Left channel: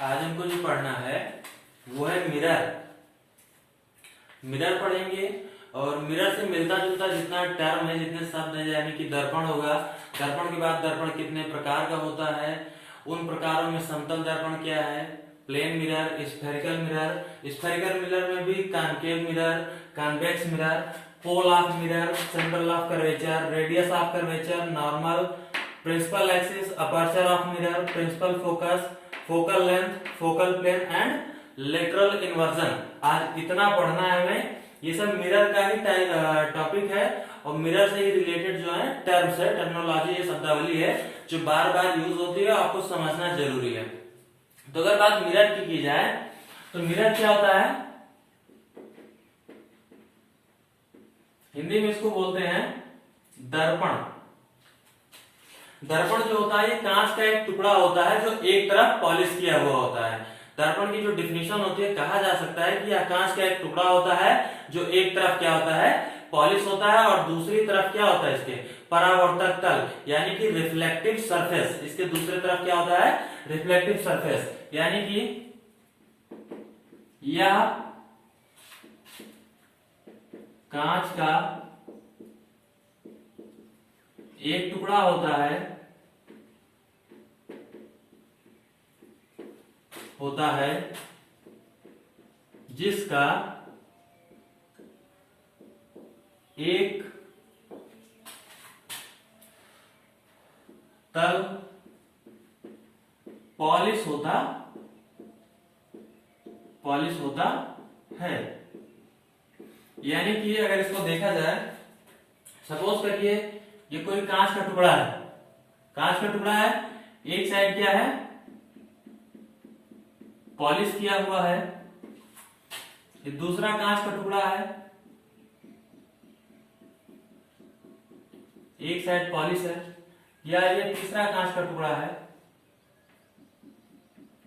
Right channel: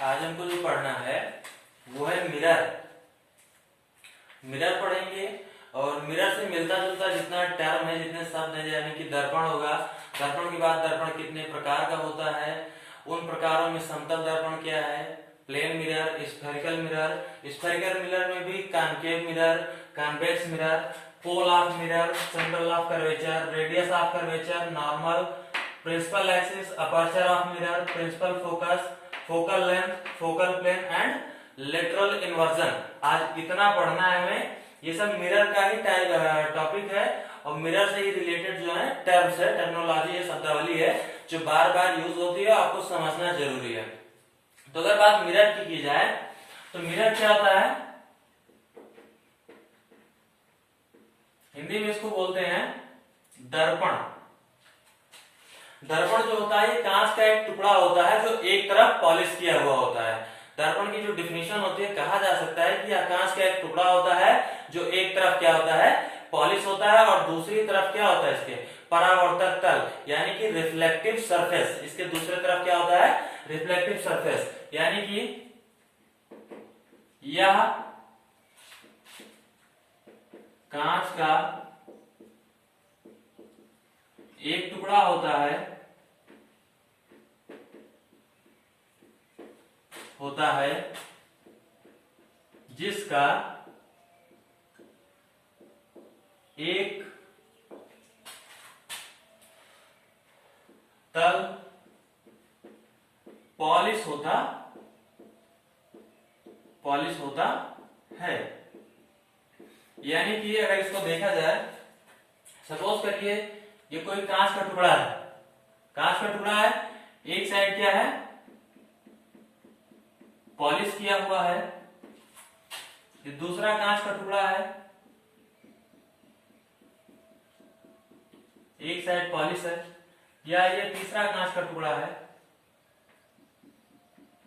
आज हमको जो पढ़ना है वो है मिरर। मिरर पढ़ेंगे और मिरर से मिलता जुलता जितना टर्म है, जितने शब्द है, यानी कि दर्पण होगा। दर्पण के बाद दर्पण कितने प्रकार का होता है, उन प्रकारों में समतल दर्पण क्या है, plane mirror, spherical mirror. Spherical mirror में भी concave mirror, convex mirror, pole of mirror, centre of curvature, radius of curvature, normal, principal axis, aperture of mirror, principal focus, focal length, focal plane and lateral inversion. आज इतना पढ़ना है हमें। ये सब mirror का ही टॉपिक है और मिरर से ही रिलेटेड जो है टर्म्स है, टर्मिनोलॉजी है, शब्दावली है जो बार बार यूज होती है, आपको समझना जरूरी है। तो अगर बात मिरर की जाए तो मिरर क्या होता है, हिंदी में इसको बोलते हैं दर्पण। दर्पण जो होता है ये कांच का एक टुकड़ा होता है जो एक तरफ पॉलिश किया हुआ होता है। दर्पण की जो डिफिनेशन होती है, कहा जा सकता है कि यह कांच का एक टुकड़ा होता है जो एक तरफ क्या होता है, पॉलिश होता है, और दूसरी तरफ क्या होता है, इसके परावर्तक तल यानी कि रिफ्लेक्टिव सरफेस। इसके दूसरी तरफ क्या होता है, रिफ्लेक्टिव सरफेस, यानी कि यह कांच का एक टुकड़ा होता है जिसका एक तल पॉलिश होता है। यानी कि अगर इसको देखा जाए, सपोज करिए ये कोई कांच का टुकड़ा है, कांच का टुकड़ा है, एक साइड क्या है, पॉलिश किया हुआ है, ये दूसरा कांच का टुकड़ा है, एक साइड पॉलिश है, या ये तीसरा कांच का टुकड़ा है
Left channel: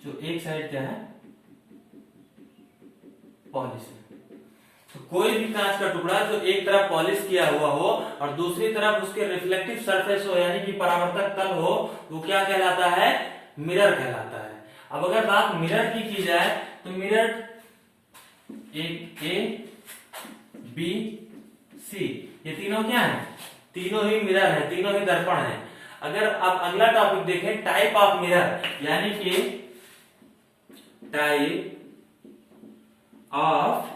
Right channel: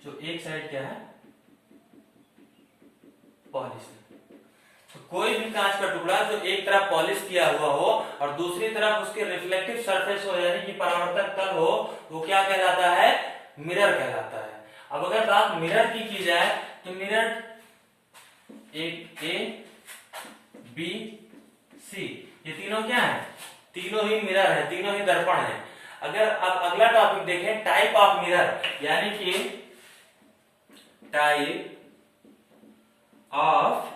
जो एक साइड क्या है, पॉलिश है। तो कोई भी कांच का टुकड़ा जो एक तरफ पॉलिश किया हुआ हो और दूसरी तरफ उसके रिफ्लेक्टिव सरफेस हो यानी कि परावर्तक तल हो, वो क्या कहलाता है, मिरर कहलाता है। अब अगर बात मिरर की जाए तो मिरर ए बी सी, ये तीनों क्या है, तीनों ही मिरर है, तीनों ही दर्पण है। अगर आप अगला टॉपिक देखें, टाइप ऑफ मिरर, यानी कि type of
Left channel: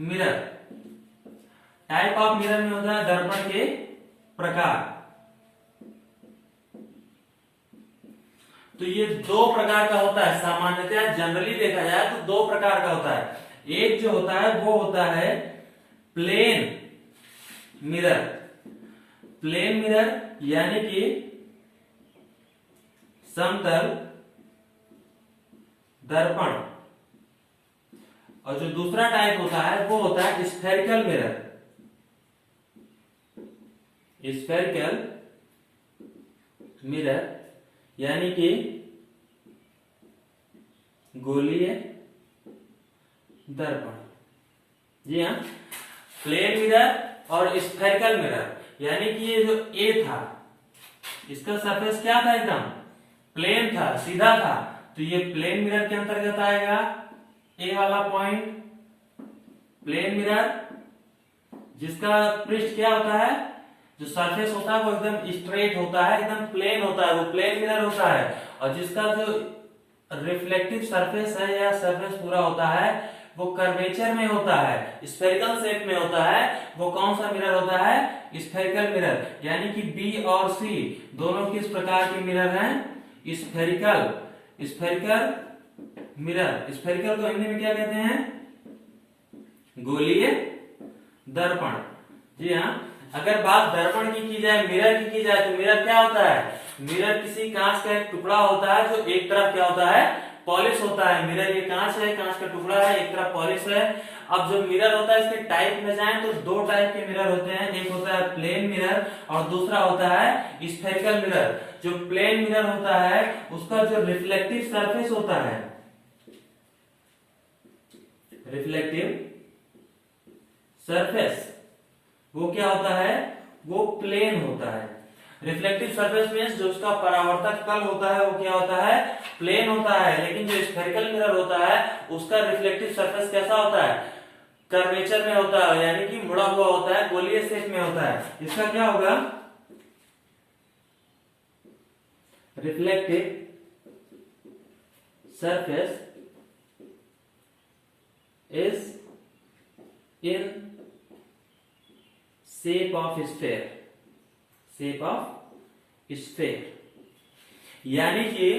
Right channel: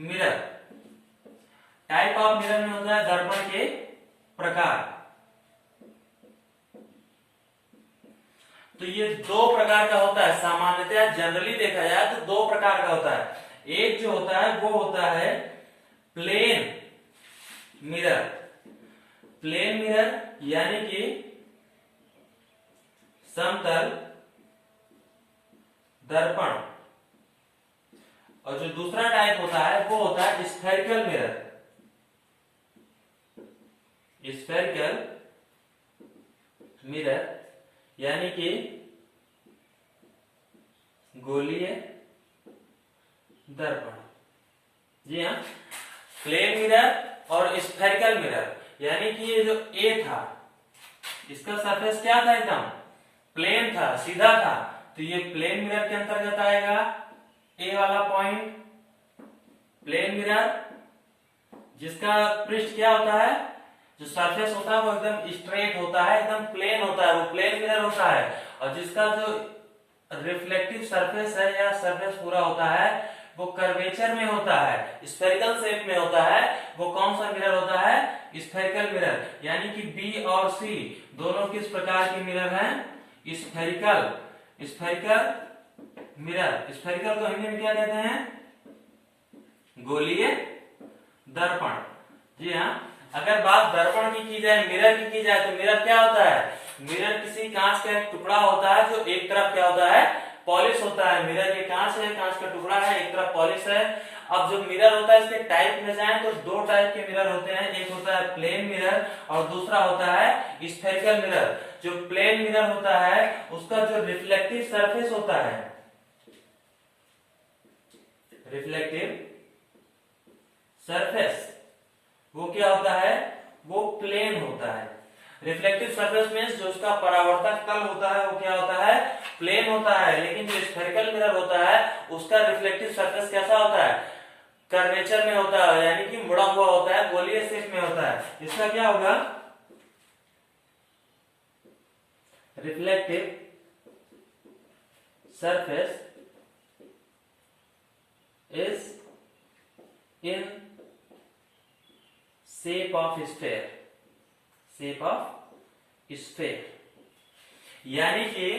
mirror. Type of mirror में होता है दर्पण के प्रकार। तो ये दो प्रकार का होता है, सामान्यतः जनरली देखा जाए तो दो प्रकार का होता है। एक जो होता है वो होता है प्लेन मिरर। प्लेन मिरर यानी कि समतल दर्पण। और जो दूसरा टाइप होता है वो होता है स्फेरिकल मिरर। स्फेरिकल मिरर यानी कि गोलीय दर्पण। जी हाँ, प्लेन मिरर और स्फेरिकल मिरर, यानी कि ये जो ए था इसका सरफेस क्या था, एकदम प्लेन था, सीधा था, तो ये प्लेन मिरर के अंतर्गत आएगा। ए वाला पॉइंट प्लेन मिरर, जिसका पृष्ठ क्या होता है, जो सरफेस होता है वो एकदम स्ट्रेट होता है, एकदम प्लेन होता है, वो प्लेन मिरर होता है। और जिसका जो रिफ्लेक्टिव सरफेस है या सरफेस पूरा होता है वो कर्वेचर में होता है, स्फेरिकल शेप में होता है, वो कौन सा मिरर होता है, स्फेरिकल मिरर। यानी कि बी और सी दोनों किस प्रकार के मिरर हैं, स्फेरिकल मिरर। स्फेरिकल को हिंदी में क्या कहते हैं, गोलीय दर्पण। जी हाँ, अगर बात दर्पण की जाए, मिरर की जाए तो मिरर क्या होता है, मिरर किसी कांच का एक टुकड़ा होता है जो एक तरफ क्या होता है, पॉलिश होता है। मिरर ये कांच है, कांच का टुकड़ा है, एक तरफ पॉलिश है। अब जो मिरर होता है इसके टाइप में जाए तो दो टाइप के मिरर होते हैं, एक होता है प्लेन मिरर और दूसरा होता है स्फेरिकल मिरर। जो प्लेन मिरर होता है उसका जो रिफ्लेक्टिव सरफेस होता है, रिफ्लेक्टिव सरफेस वो क्या होता है, वो प्लेन होता है। रिफ्लेक्टिव सरफेस मींस जो उसका परावर्तक तल होता है वो क्या होता है, प्लेन होता है, लेकिन जो स्फेरिकल मिरर होता है उसका रिफ्लेक्टिव सरफेस कैसा होता है, कर्वेचर में होता है, यानी कि मुड़ा हुआ होता है, गोलीय शेप में होता है। इसका क्या होगा, reflective surface is in shape of sphere, shape of sphere, यानी कि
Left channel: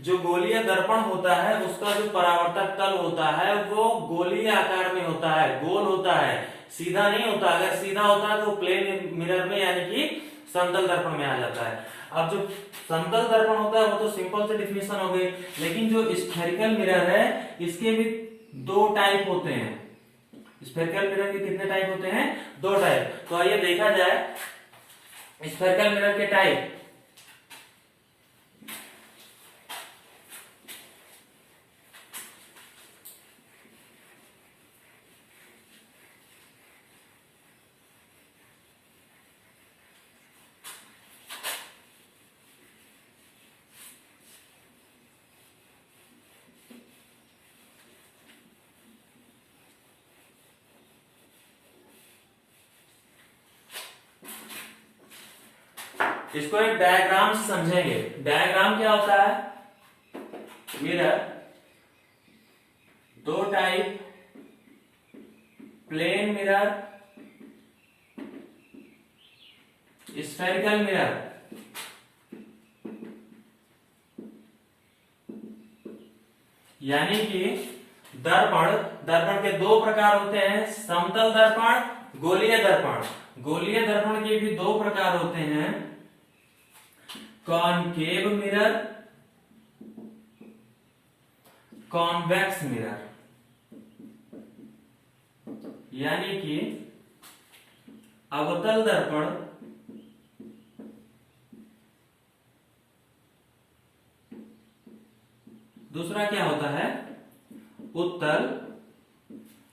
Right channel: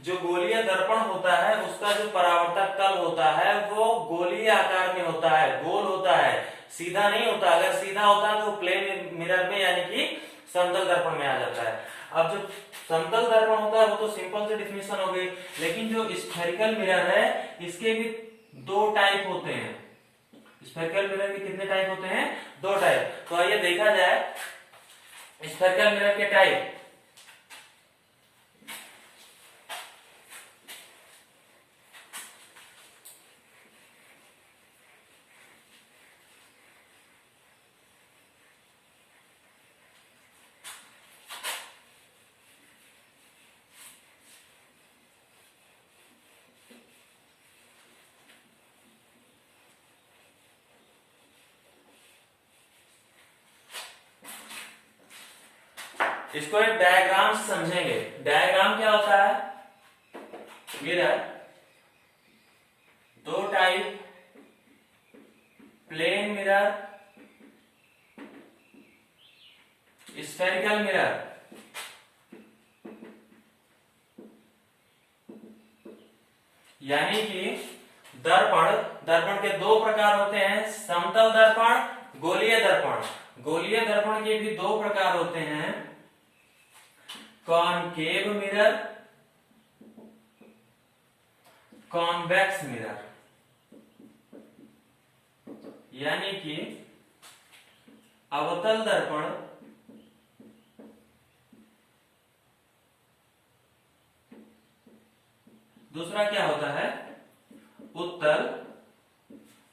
जो गोलीय दर्पण होता है उसका जो परावर्तक तल होता है वो गोलीय आकार में होता है, गोल होता है, सीधा नहीं होता। अगर सीधा होता है तो प्लेन मिरर में यानी कि समतल दर्पण में आ जाता है। अब जो समतल दर्पण होता है वो तो सिंपल से डिफिनेशन हो गई, लेकिन जो स्फेरिकल मिरर है इसके भी दो टाइप होते हैं। स्फेरिकल मिरर के कितने टाइप होते हैं, दो टाइप। तो आइए देखा जाए स्फेरिकल मिरर के टाइप। इसको एक डायग्राम से समझेंगे। डायग्राम क्या होता है, मिरर दो type, plane mirror, spherical mirror. यानी कि दर्पण के दो प्रकार होते हैं, समतल दर्पण, गोलीय दर्पण। गोलीय दर्पण के भी दो प्रकार होते हैं, कॉनकेव मिरर, कॉन्वेक्स मिरर। यानी कि अवतल दर्पण, दूसरा क्या होता है, उत्तल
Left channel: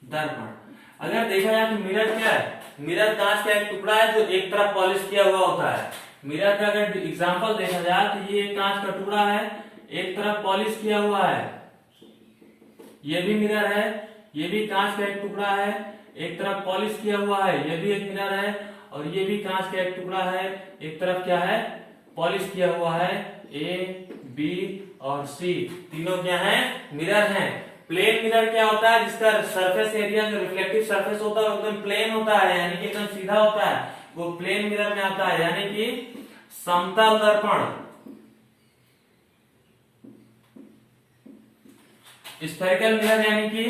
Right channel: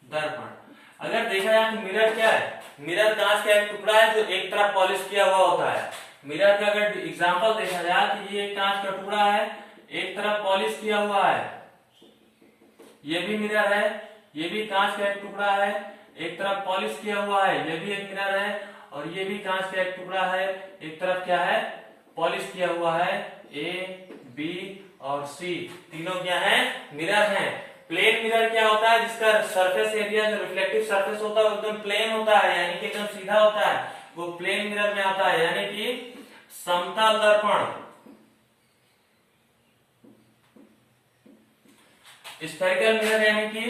दर्पण। अगर देखा जाए तो मिरर क्या है, मिरर कांच का एक टुकड़ा है जो एक तरफ पॉलिश किया हुआ होता है। मिरर का अगर एग्जांपल देखा जाए तो ये कांच का टुकड़ा है, एक तरफ पॉलिश किया हुआ है, ये भी मिरर है, ये भी कांच का एक टुकड़ा है, एक तरफ पॉलिश किया हुआ है, ये भी एक मिरर है, और ये भी कांच का एक टुकड़ा है, एक तरफ क्या है, पॉलिश किया हुआ है। ए, बी और सी तीनों क्या है, मिरर हैं। प्लेन मिरर क्या होता है, जिसका सरफेस एरिया जो रिफ्लेक्टिव सरफेस होता है वो एकदम प्लेन होता है, यानी कि एकदम सीधा होता है, वो प्लेन मिरर में आता है। यानी कि समतल दर्पण, स्फेरिकल मिरर यानी कि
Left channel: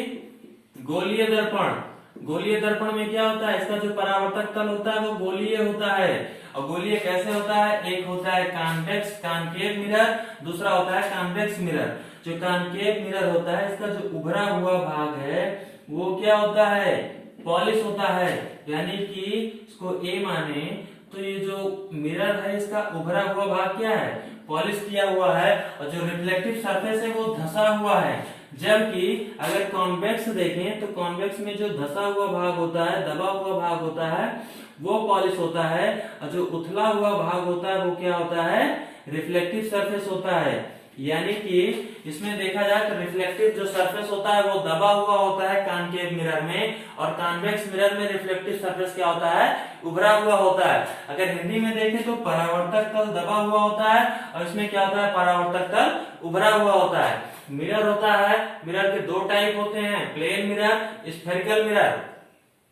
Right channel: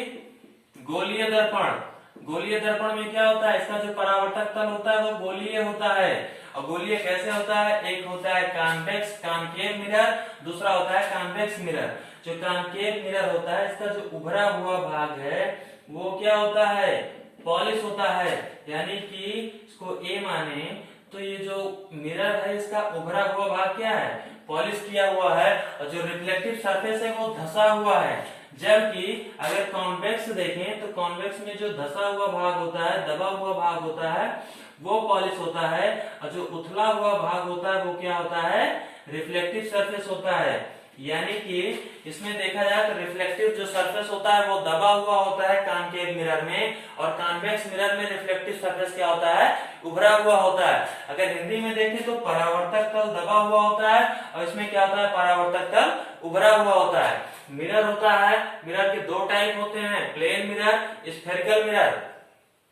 गोलीय दर्पण। गोलीय दर्पण में क्या होता है, इसका जो परावर्तक तल होता है वो गोलीय होता है। और गोलीय कैसे होता है, एक होता है कॉन्वेक्स कॉनकेव मिरर, दूसरा होता है कॉन्वेक्स मिरर। जो कॉनकेव मिरर होता है इसका जो उभरा हुआ भाग है वो क्या होता है, पॉलिश होता है। यानी कि इसको ए माने तो ये जो मिरर है इसका उभरा हुआ भाग क्या है, पॉलिश किया हुआ है, और जो रिफ्लेक्टिव सरफेस है वो धंसा हुआ है। जबकि अगर कॉन्वेक्स देखें तो कॉन्वेक्स में जो धंसा हुआ भाग होता है, दबा हुआ भाग होता है, वो पॉलिश होता है, और जो उथला हुआ भाग होता है वो क्या होता है, रिफ्लेक्टिव सरफेस होता है। यानी कि इसमें देखा जाए तो रिफ्लेक्टिव जो सरफेस होता है वो दबा हुआ होता है कॉनकेव मिरर में, और कॉन्वेक्स मिरर में रिफ्लेक्टिव सरफेस क्या होता है, उभरा हुआ होता है। अगर हिंदी में देखें तो परावर्तक तल दबा हुआ होता है, और इसमें क्या होता है, परावर्तक तल उभरा हुआ होता है। मिरर होता है, मिरर के दो टाइप होते हैं, प्लेन मिरर, स्फेरिकल मिरर।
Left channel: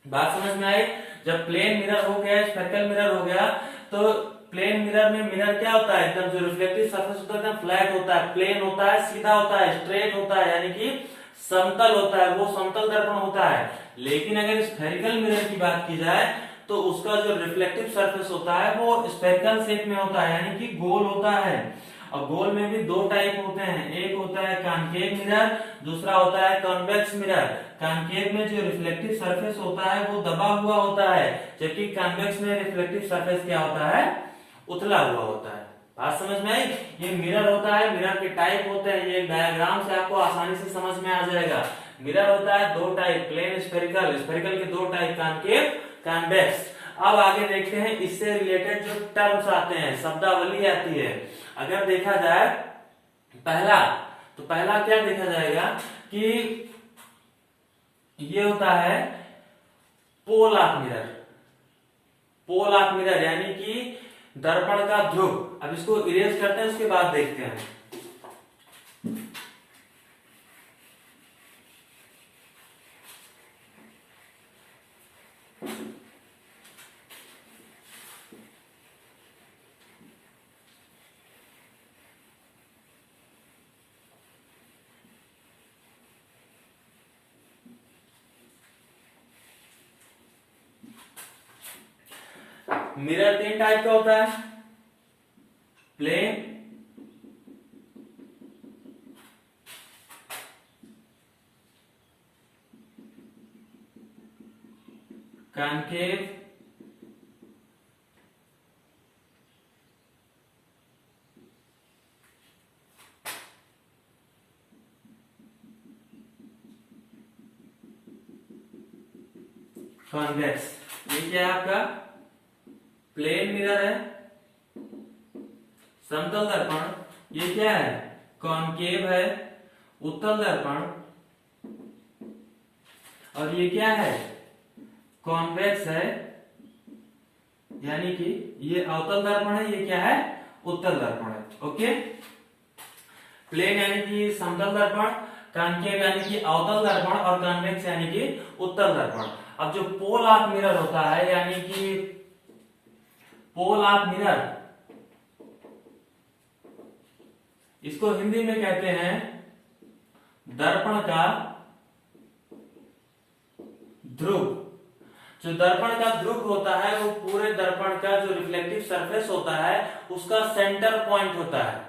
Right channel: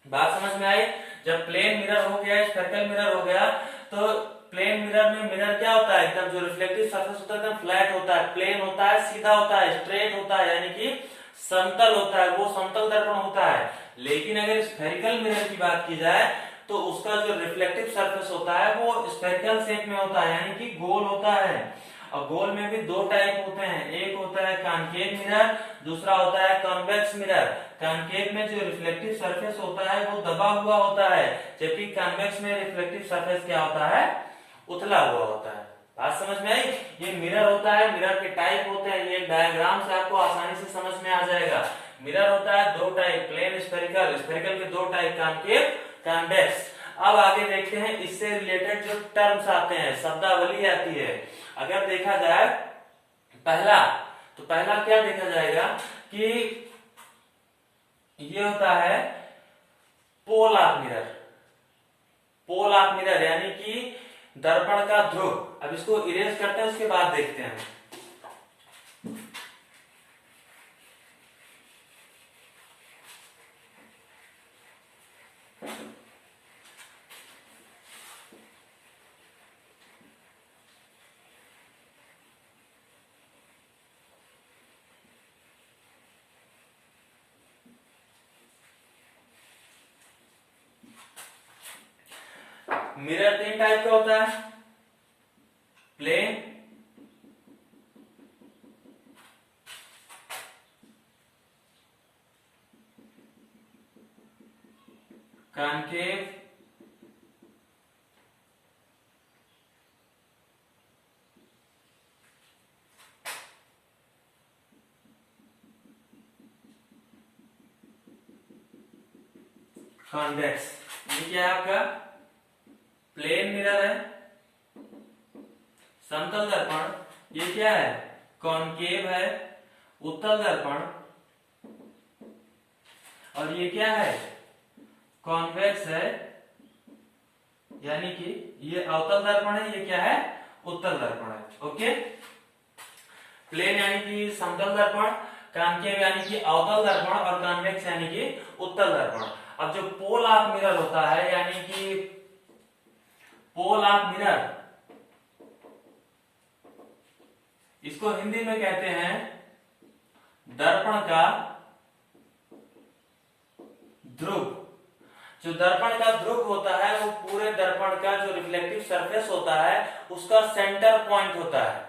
बात समझ में आई। जब प्लेन मिरर हो गया, स्फेरिकल मिरर हो गया, तो प्लेन मिरर में मिरर क्या होता है, एकदम जो रिफ्लेक्टिव सरफेस होता है एकदम फ्लैट होता है, प्लेन होता है, सीधा होता है, स्ट्रेट होता है, यानी कि समतल होता है, वो समतल दर्पण होता है। लेकिन अगर स्फेरिकल मिरर की बात की जाए तो उसका जो रिफ्लेक्टिव सरफेस होता है वो स्फेरिकल शेप में होता है, यानी कि गोल होता है। और गोल में भी दो टाइप होते हैं, एक होता है कॉनकेव मिरर, दूसरा होता है कॉन्वेक्स मिरर। कॉनकेव में जो रिफ्लेक्टिव सरफेस होता है वो दबा हुआ होता है, जबकि कॉन्वेक्स में रिफ्लेक्टिव सरफेस क्या होता है, उथला हुआ होता है। बात समझ में आई। ये मिरर होता है, मिरर के टाइप होते हैं, ये डायग्राम से आपको आसानी से समझ में आ जाएगा। मिरर होता है दो टाइप, प्लेन, स्फेरिकल। स्फेरिकल के दो टाइप, कॉनकेव, कॉन्वेक्स। अब आगे देखते हैं इससे रिलेटेड जो टर्म्स आते हैं, शब्दावली आती है। अगर देखा जाए पहला, तो पहला क्या देखा जाएगा कि ये होता है pole of mirror. Pole of mirror यानी कि दर्पण का ध्रुव। अब इसको इरेज करते हैं, उसके बाद देखते हैं। मिरर 3 टाइप का होता है, प्लेन, कॉन्केव, कॉन्वेक्स। ये क्या है आपका प्लेन मिरर है। समतल दर्पण ये क्या है कॉन्केव है, उत्तल दर्पण, और ये क्या है कॉन्वेक्स है, यानी कि ये अवतल दर्पण है, ये क्या है उत्तल दर्पण है। ओके, प्लेन यानी कि समतल दर्पण, कॉन्केव यानी कि अवतल दर्पण, और कॉन्वेक्स यानी कि उत्तल दर्पण। अब जो पोल ऑफ मिरर होता है, यानी कि पोल ऑफ मिरर, इसको हिंदी में कहते हैं दर्पण का ध्रुव। जो दर्पण का ध्रुव होता है वो पूरे दर्पण का जो रिफ्लेक्टिव सरफेस होता है उसका सेंटर पॉइंट होता है।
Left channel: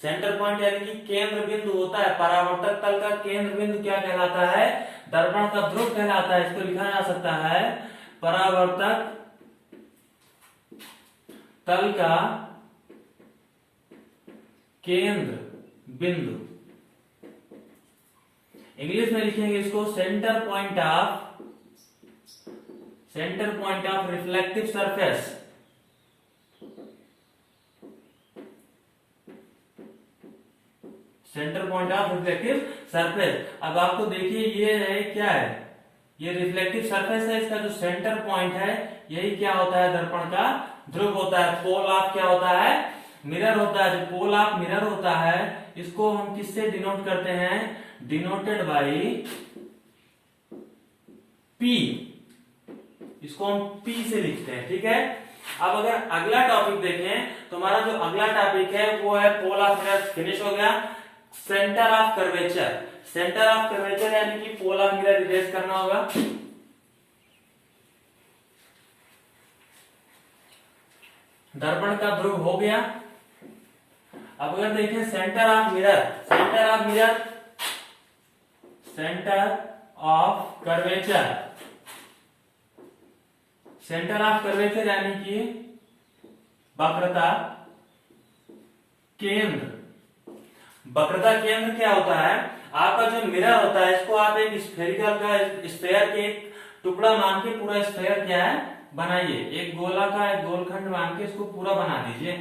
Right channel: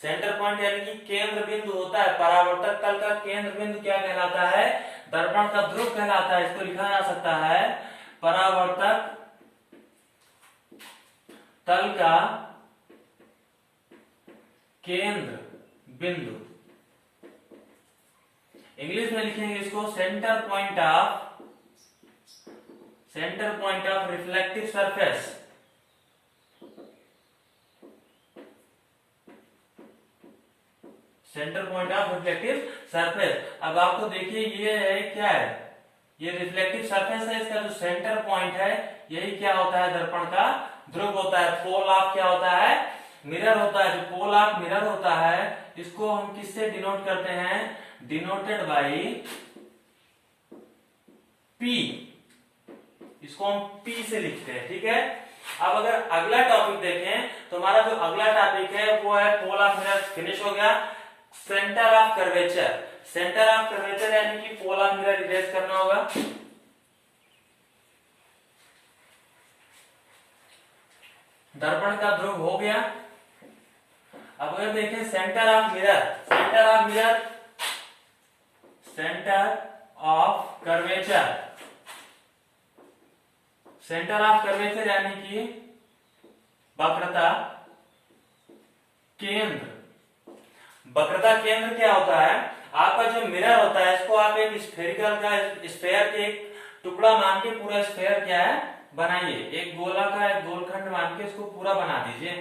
सेंटर पॉइंट यानी कि केंद्र बिंदु होता है। परावर्तक तल का केंद्र बिंदु क्या कहलाता है, दर्पण का ध्रुव कहलाता है। इसको लिखा जा सकता है परावर्तक तल का केंद्र बिंदु। इंग्लिश में लिखेंगे इसको centre point of reflective surface. Centre point of reflective surface. अब आपको देखिए ये है क्या है, ये रिफ्लेक्टिव सरफेस है, इसका जो सेंटर पॉइंट है यही क्या होता है दर्पण का ध्रुव होता है। पोल ऑफ क्या होता है मिरर होता है। जो पोल ऑफ मिरर होता है इसको हम किससे डिनोट करते हैं, डिनोटेड बाई पी। इसको हम पी से लिखते हैं, ठीक है। अब अगर अगला टॉपिक देखें तो हमारा जो अगला टॉपिक है वो है पोल ऑफ मिरर, फिनिश हो गया। Centre of curvature, centre of curvature यानी कि पोल ऑफ मिरर इरेज करना होगा। दर्पण का ध्रुव हो गया। अब अगर देखें centre of mirror, centre of mirror, centre of curvature, centre of curvature यानी कि वक्रता केंद्र। वक्रता केंद्र क्या होता है, आपका जो मिरर होता है इसको आप एक स्फेरिकल का स्फेयर के एक टुकड़ा मान के पूरा स्फेयर क्या है बनाइए। एक गोला का एक गोलखंड मान के इसको पूरा बना दीजिए।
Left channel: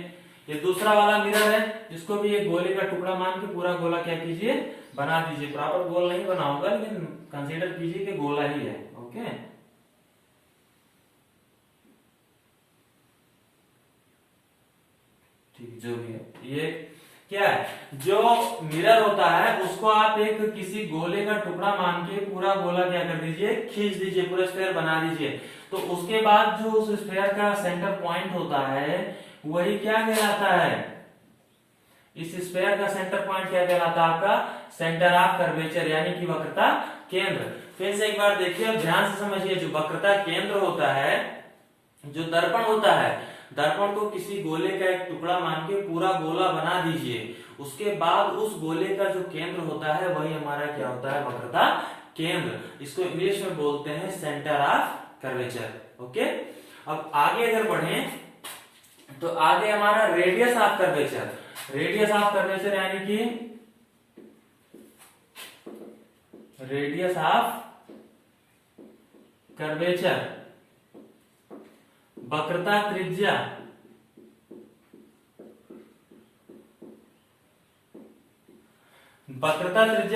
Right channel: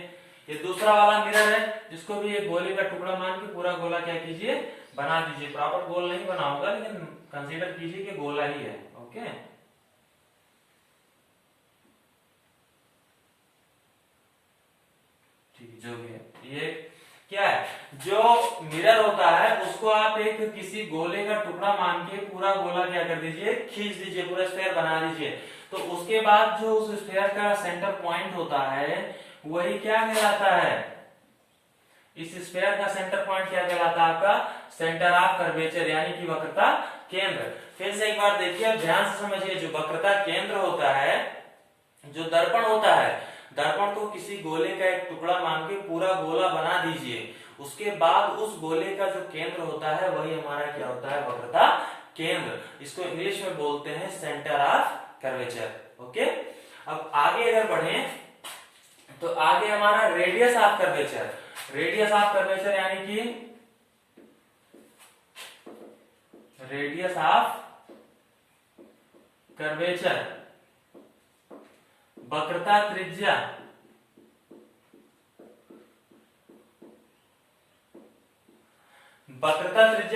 ये दूसरा वाला मिरर है, इसको भी एक गोले का टुकड़ा मान के पूरा गोला क्या कीजिए बना दीजिए। प्रॉपर गोल नहीं बना होगा लेकिन कंसीडर कीजिए कि गोला ही है। ओके, ठीक, जो भी है ये क्या है, जो मिरर होता है उसको आप एक किसी गोले का टुकड़ा मान के पूरा गोला क्या कर दीजिए खींच दीजिए, पूरा स्फेयर बना दीजिए। तो उसके बाद जो उस स्फेयर का सेंटर पॉइंट होता है वही क्या कहलाता है, इस स्फेयर का सेंटर पॉइंट क्या कहलाता है आपका सेंटर ऑफ कर्वेचर यानी कि वक्रता केंद्र। फिर से एक बार देखिए ध्यान से समझिए, जो वक्रता केंद्र होता है, जो दर्पण होता है, दर्पण को किसी गोले का एक टुकड़ा मान के पूरा गोला बना दीजिए। उसके बाद उस गोले का जो केंद्र होता है वही हमारा क्या होता है वक्रता केंद्र। इसको इंग्लिश में बोलते हैं सेंटर ऑफ कर्वेचर। ओके, अब आगे अगर बढ़े तो आगे हमारा radius of curvature. Radius of curvature यानी कि रेडियस ऑफ कर्वेचर वक्रता त्रिज्या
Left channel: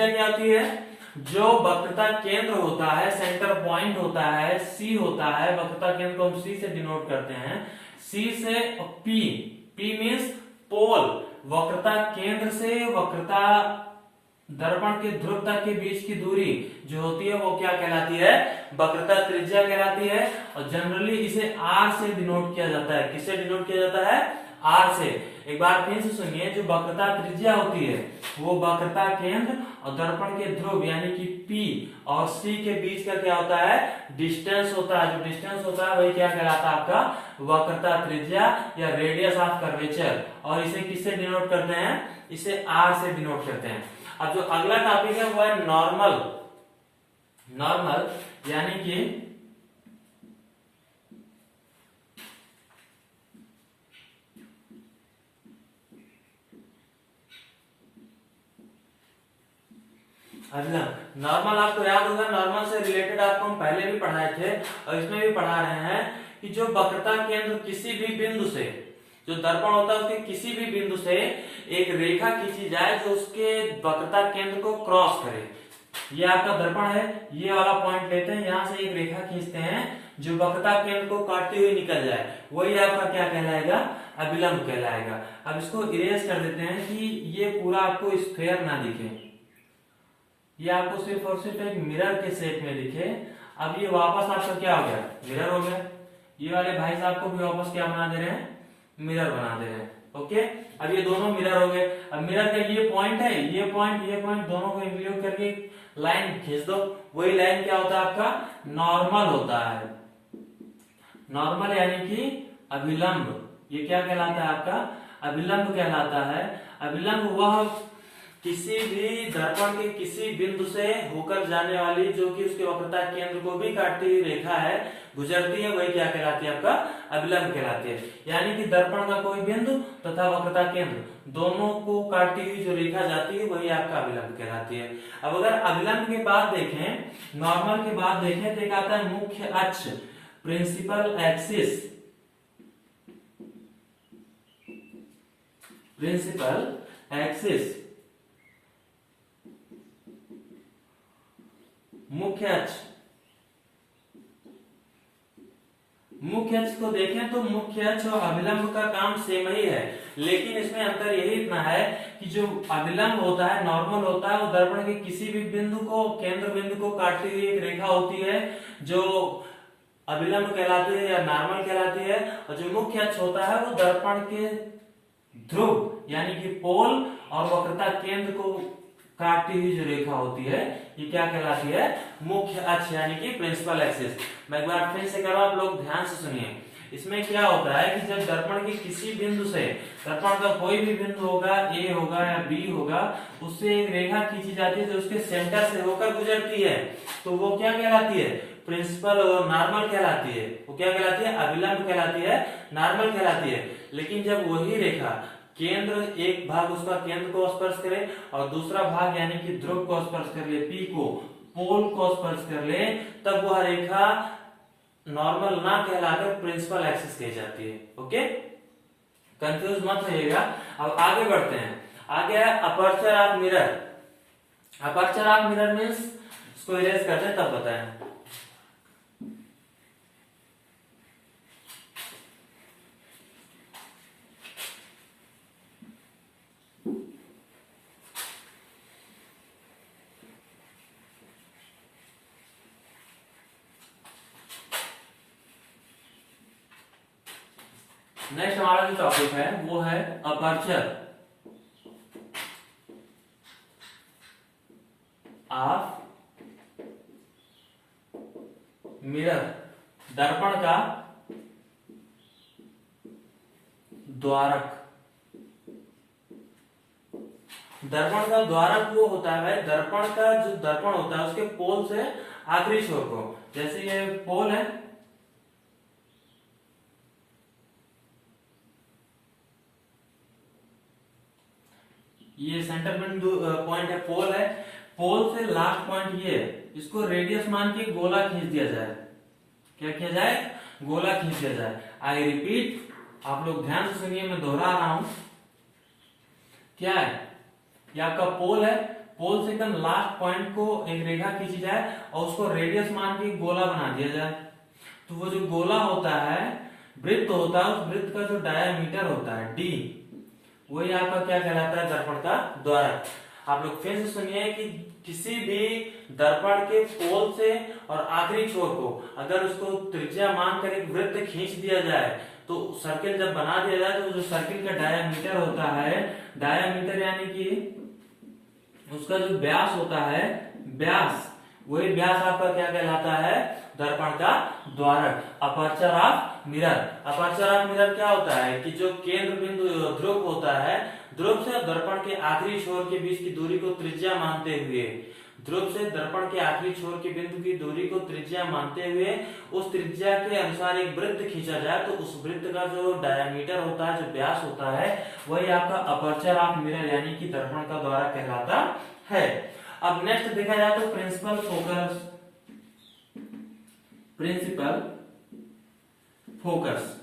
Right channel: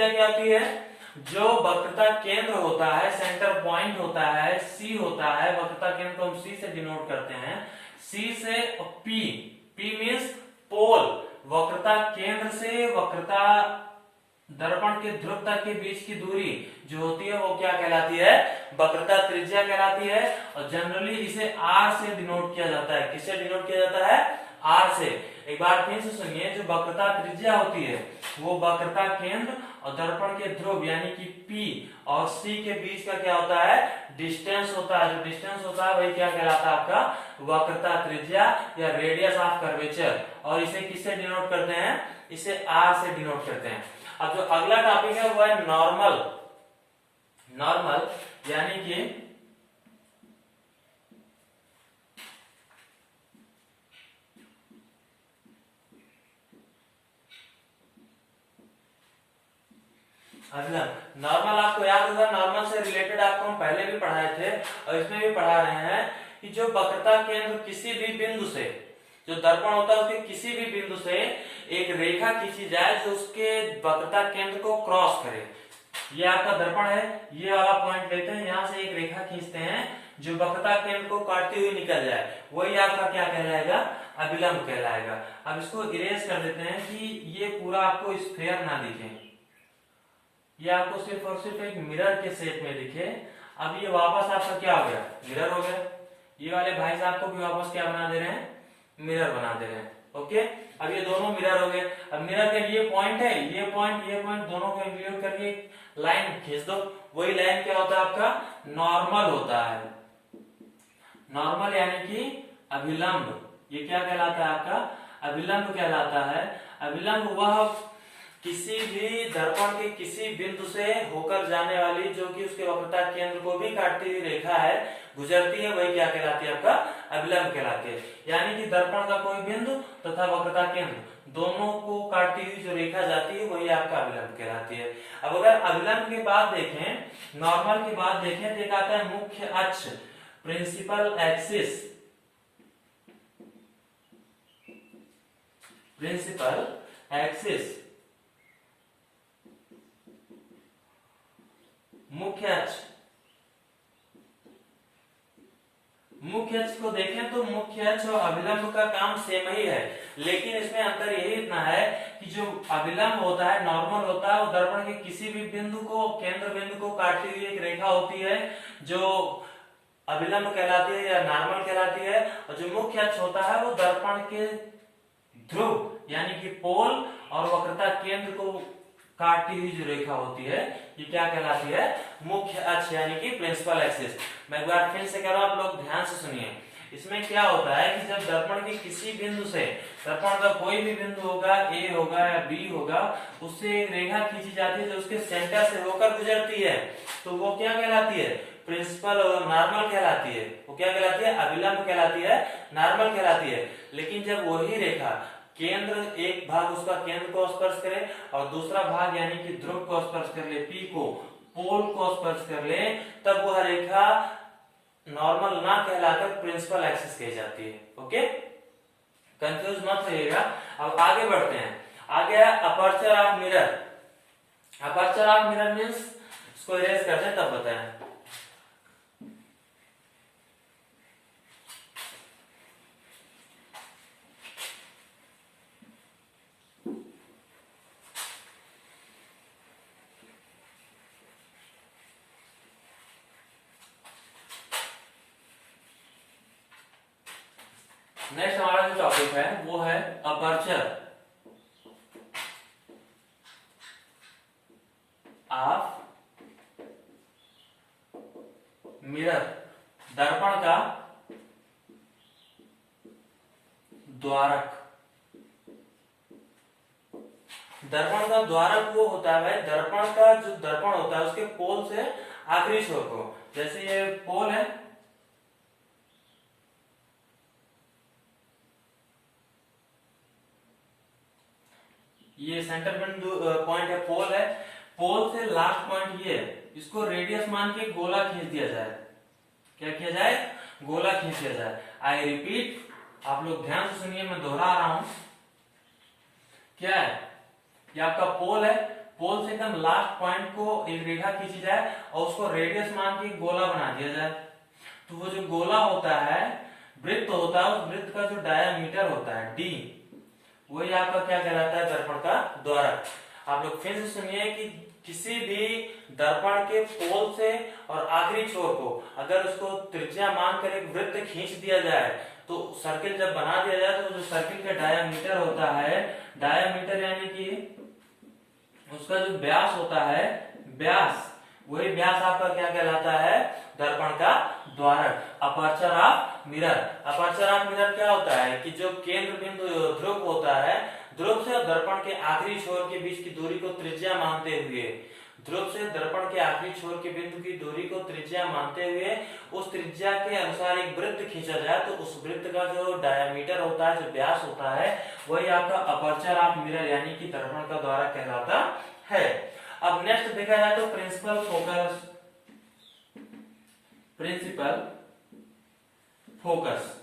क्या होती है? जो वक्रता केंद्र होता है, सेंटर पॉइंट होता है, सी होता है, वक्रता केंद्र को हम सी से डिनोट करते हैं, सी से पी, पी मीन्स पोल, वक्रता केंद्र से वक्रता दर्पण के ध्रुव तक के बीच की दूरी जो होती है वो क्या कहलाती है? वक्रता त्रिज्या कहलाती है। और जनरली इसे आर से डिनोट किया जाता है। किससे डिनोट किया जाता है? आर से। एक बार फिर से सुनिए, जो वक्रता त्रिज्या होती है वो वक्रता केंद्र और दर्पण के ध्रुव यानी कि P और C के बीच का क्या होता है? डिस्टेंस होता है। जो डिस्टेंस होता है वही क्या कहलाता है? आपका वक्रता त्रिज्या या रेडियस ऑफ कर्वेचर। और इसे किससे डिनोट करते हैं? इसे आर से डिनोट करते हैं। अब जो अगला टॉपिक है वो है नॉर्मल। नॉर्मल यानी कि नॉर्मल आपको याद होगा, नॉर्मल से रिलेटेड आपको हम पहले भी पढ़ाए थे और इसमें भी पढ़ा रहे हैं कि जो वक्रता केंद्र किसी भी बिंदु से, जो दर्पण होता है उसके किसी भी बिंदु से एक रेखा खींची जाए जो उसके वक्रता केंद्र को क्रॉस करे। ये आपका दर्पण है, ये वाला पॉइंट लेते हैं, यहाँ से एक रेखा खींचते हैं जो वक्रता केंद्र को काटती हुई निकल जाए, वही आपका क्या कहलाएगा? अभिलंब कहलाएगा। अब इसको इरेज कर देते हैं कि ये पूरा आपको स्फेयर ना दिखे, ये आपको सिर्फ और सिर्फ एक मिरर के शेप में दिखे। अब ये वापस आपका क्या हो गया? मिरर हो गया। ये वाले भाई साहब को भी वापस क्या बना दे रहे हैं? मिरर बना दे रहे हैं। ओके, अब ये दोनों मिरर हो गए। अब मिरर का ये पॉइंट है, ये पॉइंट दोनों को इंक्लूड करके लाइन खींच दो। वही लाइन क्या होता है? आपका नॉर्मल होता है। नॉर्मल यानी कि अभिलंब। ये क्या कहलाता है? आपका अभिलंब कहलाता है। अभिलंब वह किसी भी दर्पण के किसी बिंदु से होकर जाने वाली, जो कि उसके वक्रता केंद्र को भी काटती हुई रेखा है, गुजरती है, वही क्या कहलाती है? आपका अभिलंब कहलाती है। यानी कि दर्पण का कोई बिंदु तथा वक्रता केंद्र दोनों को काटती हुई जो रेखा जाती है वही आपका अभिलंब कहलाती है। अब अगर अभिलंब के बाद देखें, नॉर्मल के बाद देखें तो एक आता है मुख्य अक्ष, प्रिंसिपल एक्सिस। प्रिंसिपल एक्सिस, मुख्य अक्ष। मुख्य अक्ष को देखें तो मुख्य अक्ष और अभिलंब का काम सेम ही है, लेकिन इसमें अंतर यही इतना है कि जो अभिलंब होता है, नॉर्मल होता है, वो दर्पण के किसी भी बिंदु को, केंद्र बिंदु को काटती हुई एक रेखा होती है जो अभिलंब कहलाती है या नॉर्मल कहलाती है। और जो मुख्य अक्ष होता है वो दर्पण के ध्रुव यानी कि पोल और वक्रता केंद्र को काटती हुई जो रेखा होती है ये क्या कहलाती है? मुख्य अक्ष यानी कि प्रिंसिपल एक्सिस। मैं एक बार फिर से कह रहा हूं, आप लोग ध्यान से सुनिए। इसमें क्या होता है कि जब दर्पण के किसी बिंदु से, दर्पण का कोई भी बिंदु होगा, ए होगा या बी होगा, उससे एक रेखा खींची जाती है जो उसके सेंटर से होकर गुजरती है, तो वो क्या कहलाती है? प्रिंसिपल और नॉर्मल कहलाती है। वो क्या कहलाती है? अभिलंब कहलाती है, नॉर्मल कहलाती है। लेकिन जब वही रेखा केंद्र, एक भाग उसका केंद्र को स्पर्श करे और दूसरा भाग यानी कि ध्रुव को स्पर्श कर ले, पी को, पोल को स्पर्श कर ले, तब वह रेखा नॉर्मल ना कहलाकर प्रिंसिपल एक्सिस कही जाती है। ओके, कंफ्यूज मत होइएगा। अब आगे बढ़ते हैं। आगे है aperture of mirror. Aperture of mirror means, इसको इरेज करते हैं तब बताएं। नेक्स्ट हमारा जो टॉपिक है वो है अपर्चर ऑफ मिरर। दर्पण का द्वारक। दर्पण का द्वारक वो होता है भाई, दर्पण का जो दर्पण होता है उसके पोल से आखिरी छोर को, जैसे ये पोल है, ये सेंटर बिंदु पॉइंट है, पोल है, पोल से लास्ट पॉइंट ये, इसको रेडियस मान के गोला खींच दिया जाए। क्या किया जाए? गोला खींच दिया जाए। आई रिपीट, आप लोग ध्यान से सुनिए, मैं दोहरा रहा हूं। क्या है, ये आपका पोल है, पोल से एकदम लास्ट पॉइंट को एक रेखा खींची जाए और उसको रेडियस मान के गोला बना दिया जाए। तो वो जो गोला होता है, वृत्त होता है, उस वृत्त का जो डायमीटर होता है डी, वही आपका क्या कहलाता है, दर्पण का द्वारक। आप लोग फिर से सुनिए कि किसी भी दर्पण के पोल से और आखिरी छोर को अगर उसको त्रिज्या मानकर एक वृत्त खींच दिया जाए, तो सर्किल जब बना दिया जाए तो जो सर्किल का डायमीटर होता है, डायमीटर यानी कि उसका जो व्यास होता है, व्यास, वही व्यास आपका क्या कहलाता है, दर्पण का द्वारक, aperture of mirror. Aperture of mirror क्या होता है कि जो केंद्र बिंदु ध्रुव होता है, ध्रुव से दर्पण के आखिरी छोर के बीच की दूरी को त्रिज्या मानते हुए, ध्रुव से दर्पण के आखिरी छोर के बिंदु की दूरी को त्रिज्या मानते हुए उस त्रिज्या के अनुसार एक वृत्त खींचा जाए, तो उस वृत्त का जो डायमीटर होता है, जो व्यास होता है, वही आपका अपर्चर ऑफ मिरर यानी कि दर्पण का द्वारक कहलाता है। अब नेक्स्ट देखा जाए तो प्रिंसिपल फोकस, प्रिंसिपल फोकस,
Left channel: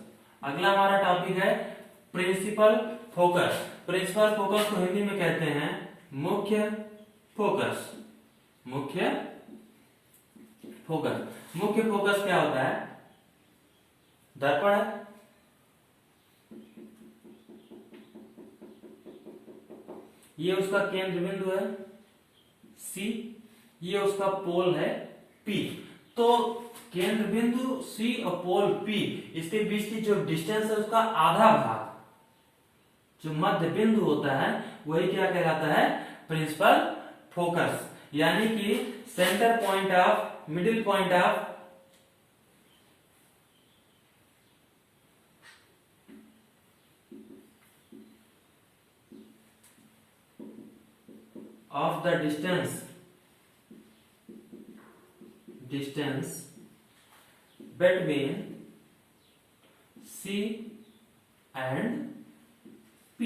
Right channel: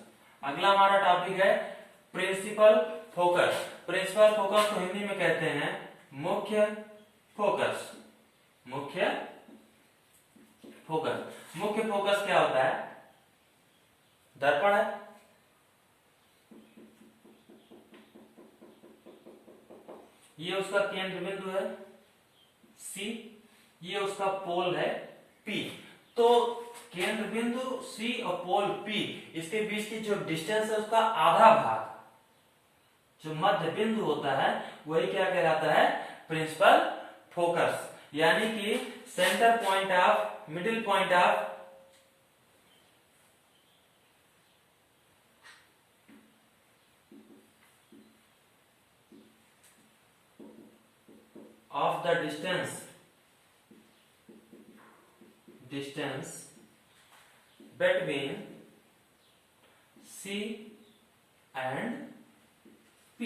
अगला हमारा टॉपिक है प्रिंसिपल फोकस। प्रिंसिपल फोकस को हिंदी में कहते हैं मुख्य फोकस। मुख्य फोकस, मुख्य फोकस क्या होता है, दर्पण है, ये उसका केंद्र बिंदु है सी, ये उसका पोल है पी। तो केंद्र बिंदु सी और पोल पी, इसके बीच की जो डिस्टेंस है उसका आधा भाग, जो मध्य बिंदु होता है, वही क्या कहलाता है, प्रिंसिपल फोकस, यानी कि centre point of, middle point of the distance between C and P।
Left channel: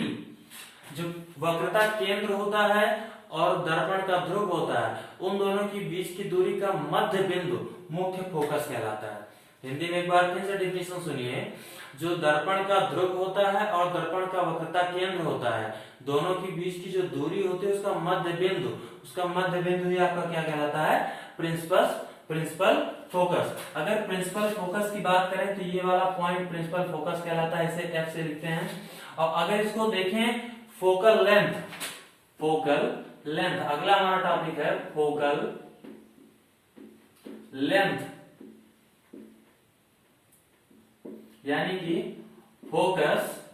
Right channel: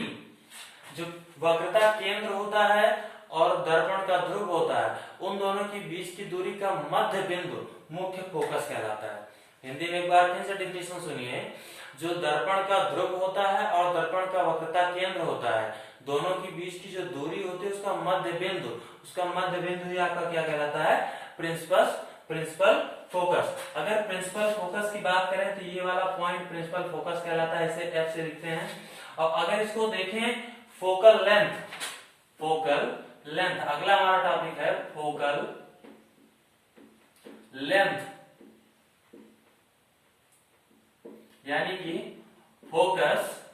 जो वक्रता केंद्र होता है और दर्पण का ध्रुव होता है, उन दोनों के बीच की दूरी का मध्य बिंदु मुख्य फोकस कहलाता है। हिंदी में एक बार फिर से डेफिनेशन सुनिए, जो दर्पण का ध्रुव होता है और दर्पण का वक्रता केंद्र होता है, दोनों के बीच की जो दूरी होती है उसका मध्य बिंदु, उसका मध्य बिंदु ही आपका क्या कहलाता है, प्रिंसिपल फोकस। अगर प्रिंसिपल फोकस की बात करें तो ये वाला पॉइंट प्रिंसिपल फोकस कहलाता है, इसे एफ से लिखते हैं। और अगर इसको देखें फोकल लेंथ, अगला हमारा टॉपिक है फोकल लेंथ, यानी कि फोकस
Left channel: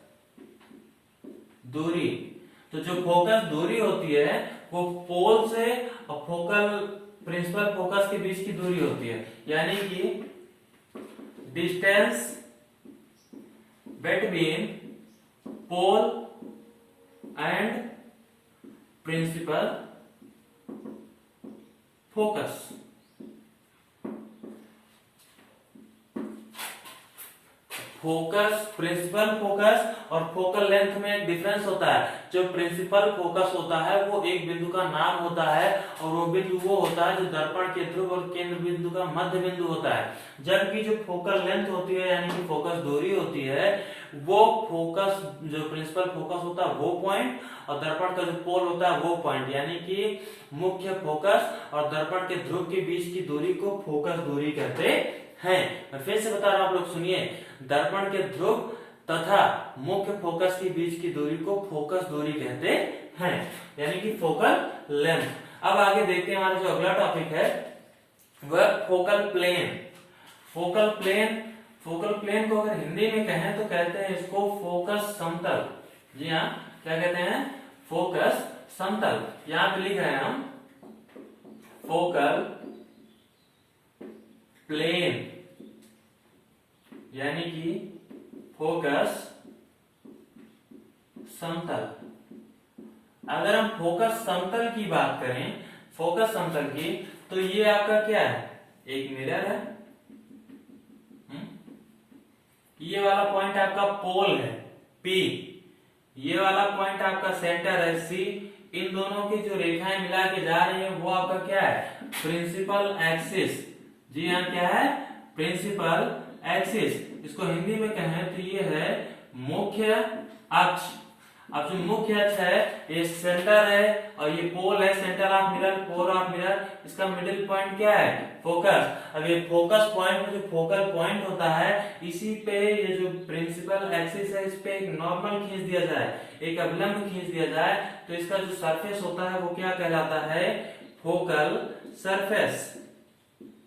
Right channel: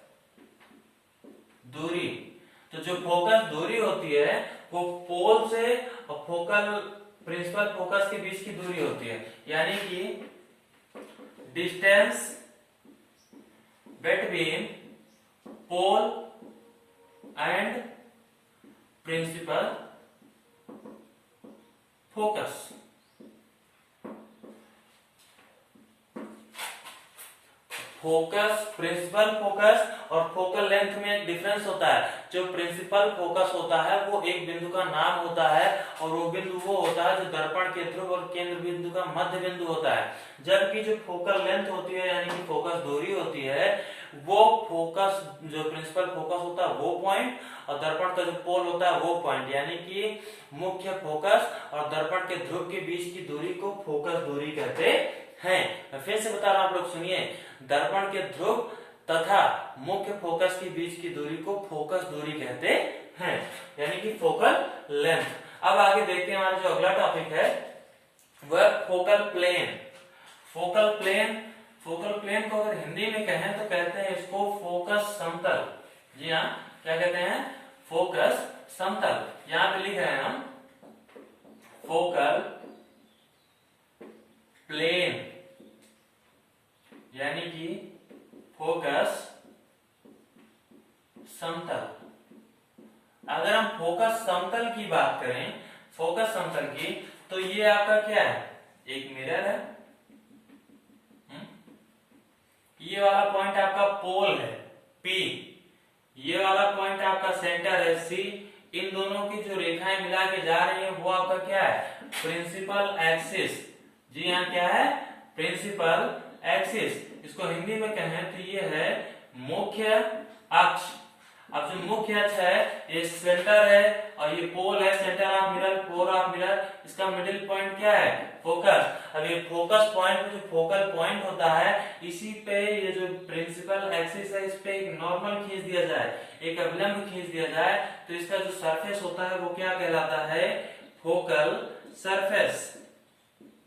दूरी। तो जो फोकस दूरी होती है वो पोल से और फोकल प्रिंसिपल फोकस के बीच की दूरी होती है, यानी कि distance between pole and principal focus. Focus, principal focus और फोकल लेंथ में एक डिफरेंस होता है। जो प्रिंसिपल फोकस होता है वो एक बिंदु का नाम होता है और वो बिंदु वो होता है जो दर्पण के ध्रुव और केंद्र बिंदु का मध्य बिंदु होता है। जबकि जो फोकल लेंथ होती है यानी कि फोकस दूरी होती है, वो फोकस जो प्रिंसिपल फोकस होता है वो पॉइंट और दर्पण का जो पोल होता है वो पॉइंट, यानी कि मुख्य फोकस और दर्पण के ध्रुव के बीच की दूरी को फोकस दूरी कहते हैं। मैं फिर से बता रहा हूं, आप लोग सुनिए, दर्पण के ध्रुव तथा मुख्य फोकस के बीच की दूरी को फोकस दूरी कहते हैं, यानी कि फोकल लेंथ। अब आगे देखते हैं, हमारा जो अगला टॉपिक है वह फोकल प्लेन। फोकल प्लेन को अगर हिंदी में कहें तो कहते हैं इसको फोकस समतल। जी हाँ, क्या कहते हैं, फोकस समतल। यहां पे लिख रहे हैं हम फोकल प्लेन, यानी कि फोकस समतल। अगर हम फोकस समतल की बात करें, फोकस समतल की, तो ये आपका क्या है, एक मिरर है, ये वाला पॉइंट आपका पोल है P, ये वाला पॉइंट आपका सेंटर है C। इन दोनों की जो रेखाएं मिला के जा रही है वो आपका क्या है, प्रिंसिपल एक्सिस। जी हाँ, क्या है, प्रिंसिपल एक्सिस, इसको हिंदी में कहें तो ये है मुख्य अक्ष। अब जो मुख्य अक्ष है ये सेंटर है और ये पोल है, centre of mirror, pole of mirror. इसका मिडिल पॉइंट क्या है? फोकस। अब ये फोकस पॉइंट जो फोकल पॉइंट होता है इसी पे ये जो प्रिंसिपल एक्सिस है इस पे एक नॉर्मल खींच दिया जाए, एक अभिलंब खींच दिया जाए तो इसका जो सरफेस होता है वो क्या कहलाता है? Focal surface.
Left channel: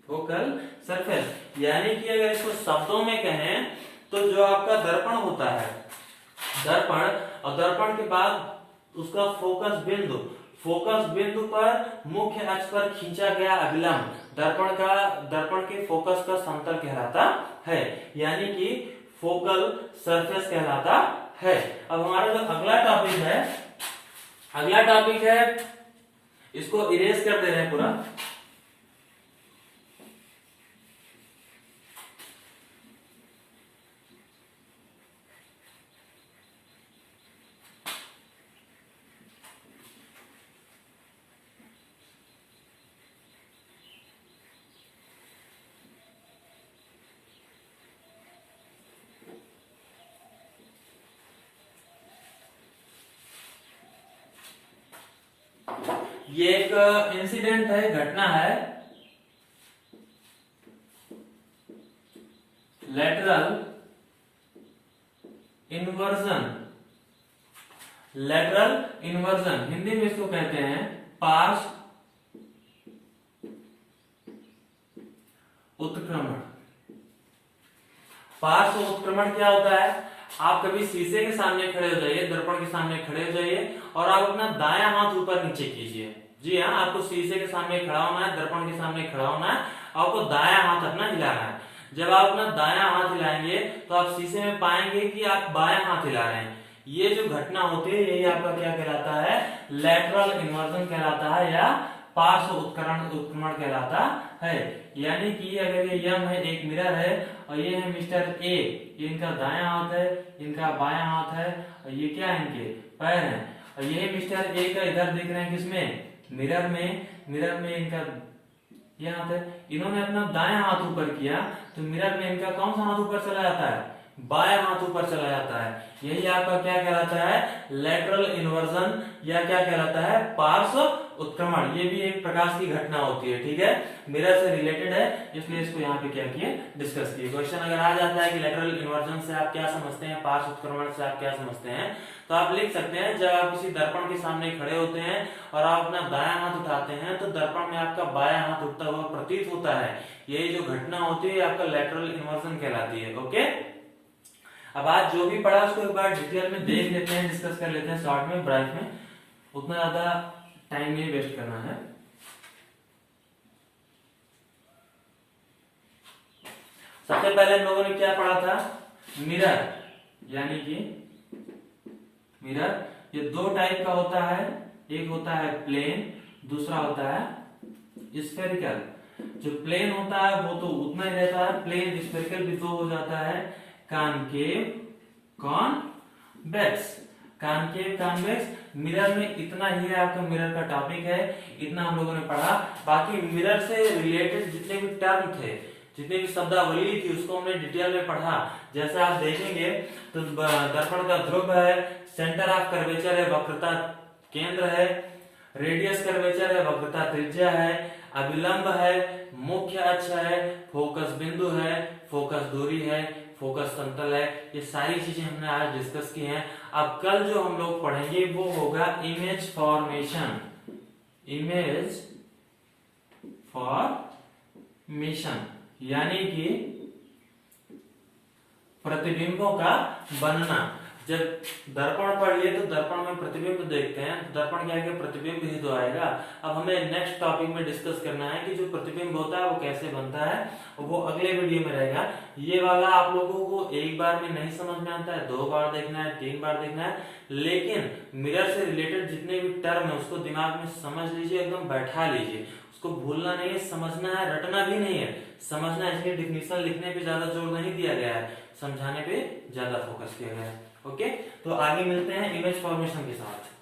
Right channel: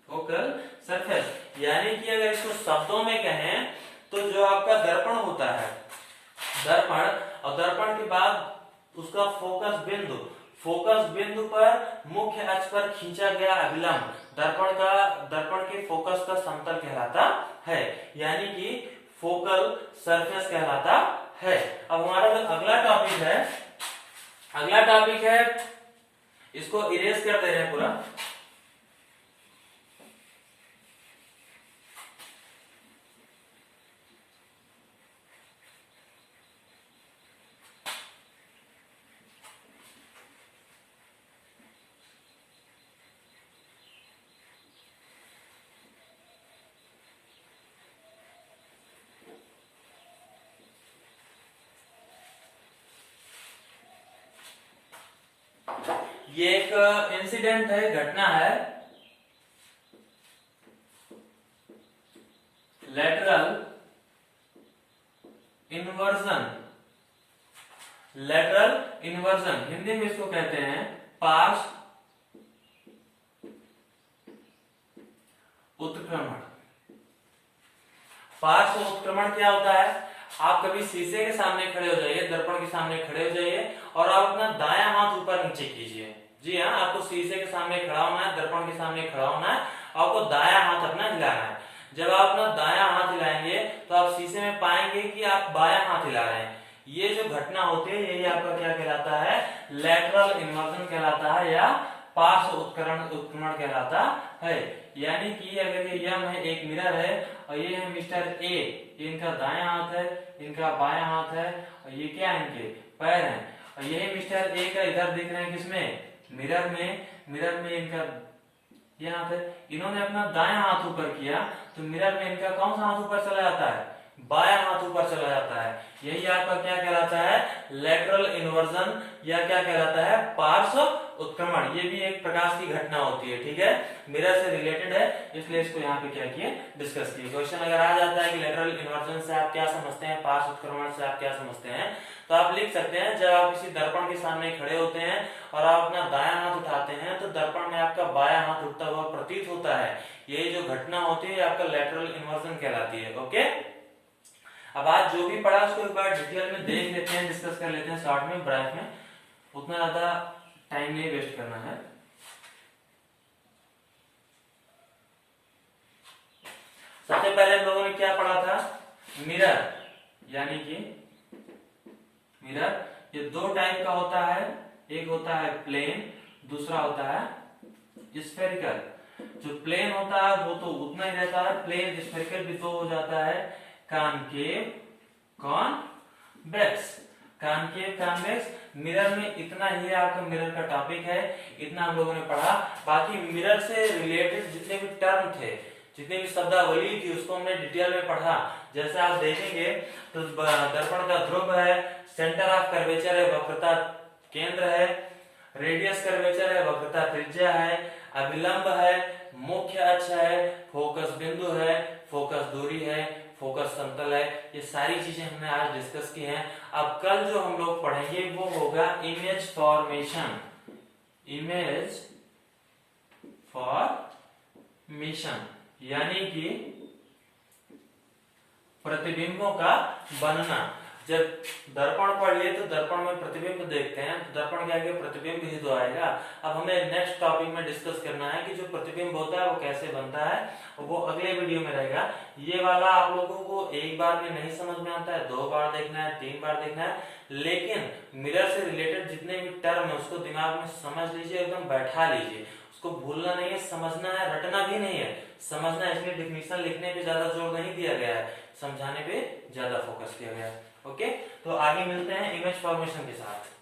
Focal surface. यानी कि अगर इसको शब्दों में कहें तो जो आपका दर्पण होता है, दर्पण, और दर्पण के बाद उसका फोकस बिंदु पर मुख्य अक्ष पर खींचा गया अभिलंब दर्पण के फोकस का समतल कहलाता है, यानी कि फोकल सरफेस कहलाता है। अब हमारा जो अगला टॉपिक है इसको इरेज कर दे रहे हैं पूरा। ये एक इंसिडेंट है, घटना है, लेटरल इन्वर्जन। हिंदी में इसको कहते हैं पार्श्व उत्क्रमण। पार्श्व उत्क्रमण क्या होता है? आप कभी शीशे के सामने खड़े हो जाइए, दर्पण के सामने खड़े हो जाइए और आप अपना दायां हाथ ऊपर नीचे कीजिए। जी हाँ, आपको शीशे के सामने खड़ा होना है, दर्पण के सामने खड़ा होना है, आपको दायां हाथ अपना हिलाना है। जब आप अपना दायां हाथ हिलाएंगे तो आप शीशे में पाएंगे कि आप बायां हाथ हिला रहे हैं। ये जो घटना होती है यही आपका क्या कहलाता है? लेटरल इन्वर्जन कहलाता है या पार्श्व उत्क्रमण कहलाता है। यानी कि अगर ये यम है, एक मिरर है और ये है मिस्टर ए, इनका दायां हाथ है, इनका बायां हाथ है और ये क्या है? इनके पैर हैं। और यही मिस्टर ए का इधर दिख रहे हैं किसमें? मिरर में इनका ये हाथ है। इन्होंने अपना दायां हाथ ऊपर किया तो मिरर में इनका कौन सा हाथ ऊपर चला जाता है? बायां हाथ ऊपर चला जाता है। यही आपका क्या कहलाता है? लेटरल इन्वर्जन या क्या कहलाता है? पार्श्व उत्क्रमण। ये भी एक प्रकार की घटना होती है, ठीक है, मिरर से रिलेटेड है, इसलिए इसको यहाँ पे क्या किए? डिस्कस किए। क्वेश्चन अगर आ जाता है कि लेटरल इन्वर्जन से आप क्या समझते हैं, पार्श्व उत्क्रमण से आप क्या समझते हैं, तो आप लिख सकते हैं जब आप किसी दर्पण के सामने खड़े होते हैं और आप अपना दायां हाथ उठाते हैं तो दर्पण में आपका बायां हाथ उठता हुआ प्रतीत होता है। यही जो घटना होती है आपका लेटरल इन्वर्जन कहलाती है। ओके, अब आज जो भी पढ़ा उसको एक बार डिटेल में देख लेते हैं, डिस्कस कर लेते हैं शॉर्ट में, ब्रीफ में, उतना ज्यादा टाइम नहीं वेस्ट करना है। सबसे पहले हम लोगों ने क्या पढ़ा था? मिरर, यानी कि मिरर ये दो टाइप का होता है, एक होता है प्लेन, दूसरा होता है स्फेरिकल। जो प्लेन होता है वो तो उतना ही रहता है, प्लेन स्फेरिकल भी दो हो जाता है, concave convex. Concave convex mirror में इतना ही आपका मिरर का टॉपिक है, इतना हम लोगों ने पढ़ा। बाकी मिरर से रिलेटेड जितने भी टर्म थे, जितने भी शब्दावली थी उसको हमने डिटेल में पढ़ा। जैसे आप देखेंगे तो दर्पण का ध्रुव है, सेंटर ऑफ कर्वेचर है, वक्रता केंद्र है, रेडियस कर्वेचर है, वक्रता त्रिज्या है, अभिलंब है, मुख्य अक्ष है, फोकस बिंदु है, फोकस दूरी है, फोकस समतल है। ये सारी चीजें हमने आज डिस्कस की हैं। अब कल जो हम लोग पढ़ेंगे वो होगा इमेज फॉर्मेशन। इमेज फॉर्मेशन यानी कि प्रतिबिंबों का बनना। जब दर्पण पढ़ लिए तो दर्पण में प्रतिबिंब देखते हैं, तो दर्पण क्या है? प्रतिबिंब ही तो आएगा। अब हमें नेक्स्ट टॉपिक में डिस्कस करना है कि जो प्रतिबिंब होता है वो कैसे बनता है, वो अगले वीडियो में रहेगा। ये वाला आप लोगों को एक बार में नहीं समझ में आता है, 2 बार देखना है, 3 बार देखना है, लेकिन मिरर से रिलेटेड जितने भी टर्म है उसको दिमाग में समझ लीजिए, एकदम बैठा लीजिए, उसको भूलना नहीं है, समझना है, रटना भी नहीं है, समझना है। इसलिए डिफिनीशन लिखने पे ज्यादा जोर नहीं दिया गया है, समझाने पे ज्यादा फोकस किया गया है। ओके, तो आगे मिलते हैं इमेज फॉर्मेशन के साथ।